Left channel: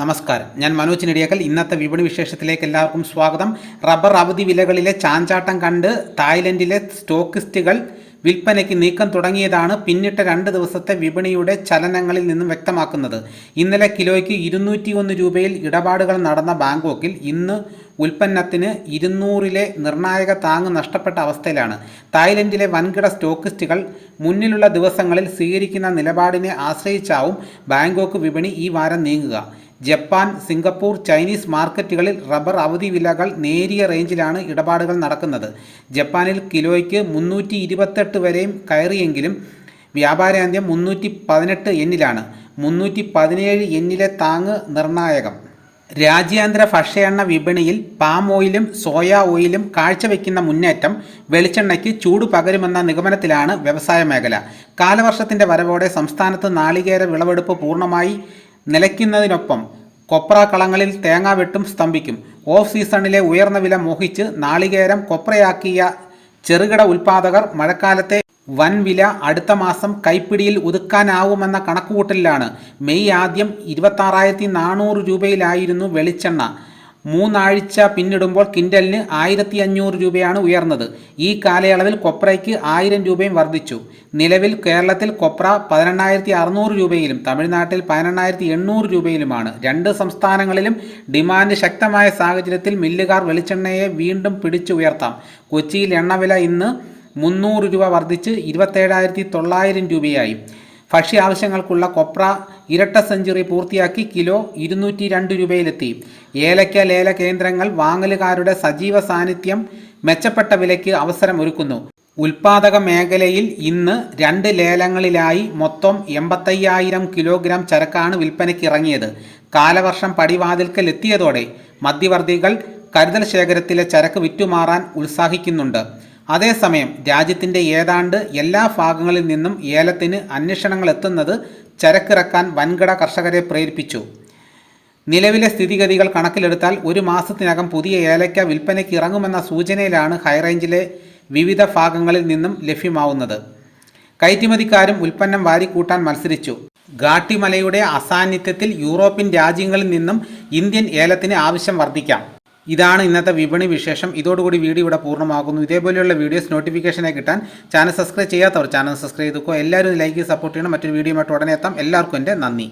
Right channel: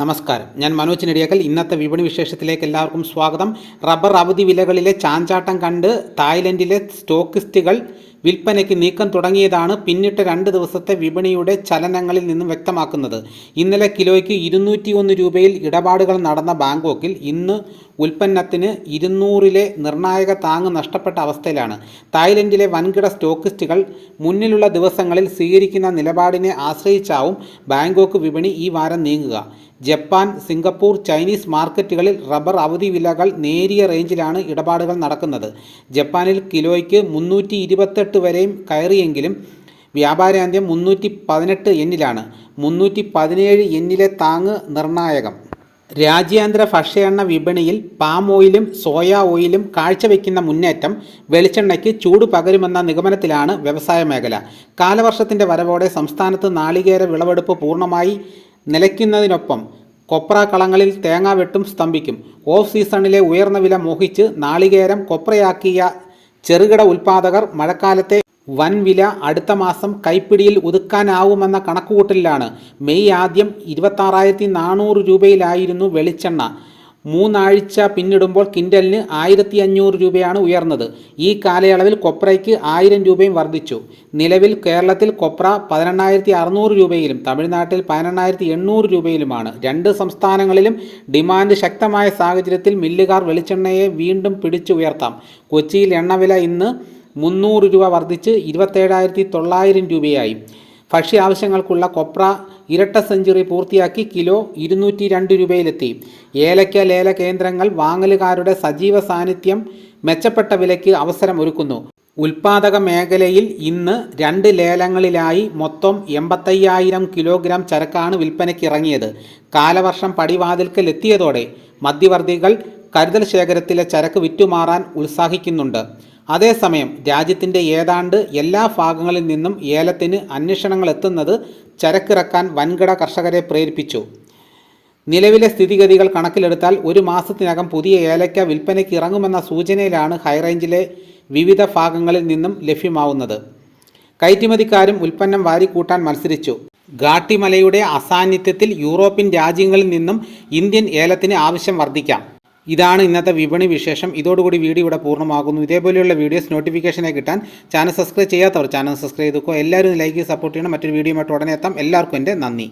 നമസ്കാരം. ഞാൻ മനോജ് നെടിയക്കൽ. ഇന്നത്തെ വിപണി വിശേഷത്തിലേക്ക് എല്ലാവർക്കും സ്വാഗതം. റബ്ബർ അവധി വിലകളിലെ ചാഞ്ചാട്ടം കണ്ട് തായ്ലൻഡിലെ സ്റ്റോക്കിസ്റ്റുകൾ വിൽപ്പനയ്ക്ക് നീക്കം തുടങ്ങിയതാണ് പിന്നിട്ട രണ്ട് ദിവസത്തെ വിപണിയുടെ ചലനങ്ങളിൽ നിന്നും വ്യക്തമാക്കുന്നത്. ഇന്നലെ കിലോയ്ക്ക് ഇരുന്നൂറ്റി ഒന്ന് രൂപയിൽ ഇടപാടുകൾ നടന്ന ബാങ്കോക്കിൽ ഇന്ന് ഉൽപ്പന്നത്തിന് ഇരുന്നൂറിലെ നിർണായക താങ്ങ് നഷ്ടപ്പെട്ട അവസ്ഥയിലാണ്. തായ്ലൻഡിലെ വൻകിട സ്റ്റോക്കിസ്റ്റുകൾ മുന്നിലുള്ള ദിവസങ്ങളിൽ സ്വീകരിക്കുന്ന നിലപാടിനെ ആശ്രയിച്ചാവും ബാങ്കോക്ക് വിപണി ഈ വാരം നീങ്ങുക. ജപ്പാൻ സിംഗപ്പൂർ ചൈനീസ് മാർക്കറ്റുകളിൽ റബ്ബർ അവധി വിലകൾ നേരിയ റേഞ്ചിലാണ് ഇടപാടുകൾ നടക്കുന്നത്. ജപ്പാനിൽ കിലോയ്ക്ക് മുന്നൂറ്റി ഇരുപത്തെട്ട് വരെയും കയറിയെങ്കിലും വ്യാപാരാന്ത്യം മുന്നൂറ്റി പതിനെട്ട് എന്നിലാണ്. മുന്നൂറ്റി പതിനേഴ് എന്നിലെ താങ്ങ് നിർണായകം. രാജ്യാന്തര ഭക്ഷ്യ എണ്ണ വിപണിയിൽ പാം ഓയിലും സോയ ഓയിലും കാഴ്ചവെക്കുന്ന മുന്നേറ്റം വെളിച്ചെണ്ണയ്ക്ക് ചൂട് പകരുമെന്ന നിഗമനത്തിലാണ് വ്യവസായ മേഖല. കാലവർഷത്തിന്റെ വരവോടെ സംസ്ഥാനത്ത് നാളികേര വിളവെടുപ്പ് പൂർണമായി നിലയ്ക്കുന്നതിനൊപ്പം കൊപ്ര കളങ്ങളിൽ തേങ്ങ വെട്ടും സ്തംഭിക്കും. ഓഫ് സീസണിലെ ഉയർന്ന വില മോഹിച്ച് നാളികേരം കൊപ്രയാക്കിയ ചെറുകിട ഉൽപ്പാദകർ മഴക്കാലത്തെ വൻ വില അടുത്ത മാസം കൈപ്പിടിയിൽ ഒതുക്കാനാവുമെന്ന കണക്കുകൂട്ടലിലാണ്. മെയ് ആദ്യം ഇരുപത്താറായിരത്തി നാനൂറ് രൂപയിലായിരുന്നു വെളിച്ചെണ്ണ. മൂന്നാഴ്ച പിന്നിടുമ്പോൾ കിൻഡലിന് ആയിരത്തി അഞ്ഞൂറ് രൂപയാണ് ഉയർന്നത്. ഈ കാലയളവിൽ കൊപ്രയ്ക്ക് ആയിരം രൂപയും വർദ്ധിച്ചു. നിലവിൽ കേരളത്തിൽ കൊപ്ര പതിനെണ്ണായിരത്തി അറുന്നൂറ് രൂപയിലും തമിഴ്നാട്ടിൽ പതിനെണ്ണായിരത്തി എണ്ണൂറ് രൂപയിലുമാണ്. രണ്ട് സംസ്ഥാനങ്ങളിലും ഡിമാൻഡ് ശക്തമായ സാഹചര്യത്തിൽ മില്ലുകാർ വെളിച്ചെണ്ണയെ വീണ്ടും പിടിച്ചു ഉയർത്താം. കൊച്ചിയിൽ എണ്ണവില ഇന്ന് മുന്നൂറ് രൂപ വർദ്ധിച്ച് ഇരുപത്തേഴായിരത്തി തൊള്ളായിരം രൂപയായി. ഭക്ഷ്യ ആവശ്യങ്ങൾക്കുള്ള കൊപ്ര ഇരട്ട സെഞ്ചുറി പൂർത്തിയാക്കി കിലോ ഇരുന്നൂറ്റി രണ്ട് രൂപയിലെത്തി. ഏലക്ക ലേല കേന്ദ്രങ്ങൾ വാങ്ങലുകാരുടെ സജീവ സാന്നിധ്യം മെച്ചപ്പെട്ട വിലയ്ക്ക് അവസരം ഒരുക്കുന്നു ഉൽപാദക മേഖലയിൽ ഇന്ന് രണ്ട് ലേലങ്ങളിലായി മൊത്തം എൺപത്തയ്യായിരം കിലോഗ്രാം ചരക്കാണ് വിൽപ്പനയ്ക്ക് ഇറങ്ങിയത്. കാലവർഷം പടിവാതിൽക്കൽ എത്തിയതോടെ മധ്യവർത്തികൾ കരുതൽ ശേഖരത്തിലെ ചരക്ക് വിറ്റുമാറാൻ ഉത്സാഹിക്കുന്നുണ്ട്. അതേസമയം രാജ്യത്തിന്റെ ഏതാണ്ട് എല്ലാ ഭാഗങ്ങളിൽ നിന്നും ഏലത്തിന് അന്വേഷണങ്ങൾ എത്തുന്നത് ചരക്കിറക്കാൻ വൻകിട കർഷകരെ പ്രേരിപ്പിച്ചു. നിലവിലെ സ്ഥിതിഗതികൾ കണക്കിലെടുത്താൽ ഒരു മാസത്തിനകം പുതിയ ഏലയ്ക്ക വിൽപ്പനയ്ക്ക് ഇറങ്ങുമെന്ന സൂചനയിലാണ് ഹൈറേഞ്ചിലെ വിവിധ ഭാഗങ്ങളിൽ നിന്നും ലഭ്യമാവുന്നത്. കയറ്റുമതിക്കാരും ഉൽപ്പന്നം വാരിക്കൂട്ടാൻ മത്സരിച്ചു. ഗാട്ടിമലയുടെ അസാന്നിധ്യത്തിൽ യൂറോപ്യൻ രാജ്യങ്ങളിൽ നിന്നും ഇന്ത്യൻ ഏലത്തിന് ആവശ്യം വർദ്ധിക്കാം. ഇതാണ് ഇന്നത്തെ വിപണി വിശേഷം. ഇതോടുകൂടി വീഡിയോ ഇവിടെ പൂർണമാകുന്നു. ഇതേപോലെയുള്ള വീഡിയോസ് നോട്ടിഫിക്കേഷനായി കിട്ടാൻ ചാനൽ സബ്സ്ക്രൈബ് ചെയ്യാത്തവർ ചാനൽ സബ്സ്ക്രൈബ് ചെയ്തോ എല്ലാവരും ലൈക്ക് സപ്പോർട്ട് ചെയ്യണം. മറ്റൊരു വീഡിയോ ഉടനെ എത്താം. എല്ലാവർക്കും എന്റെ നന്ദി.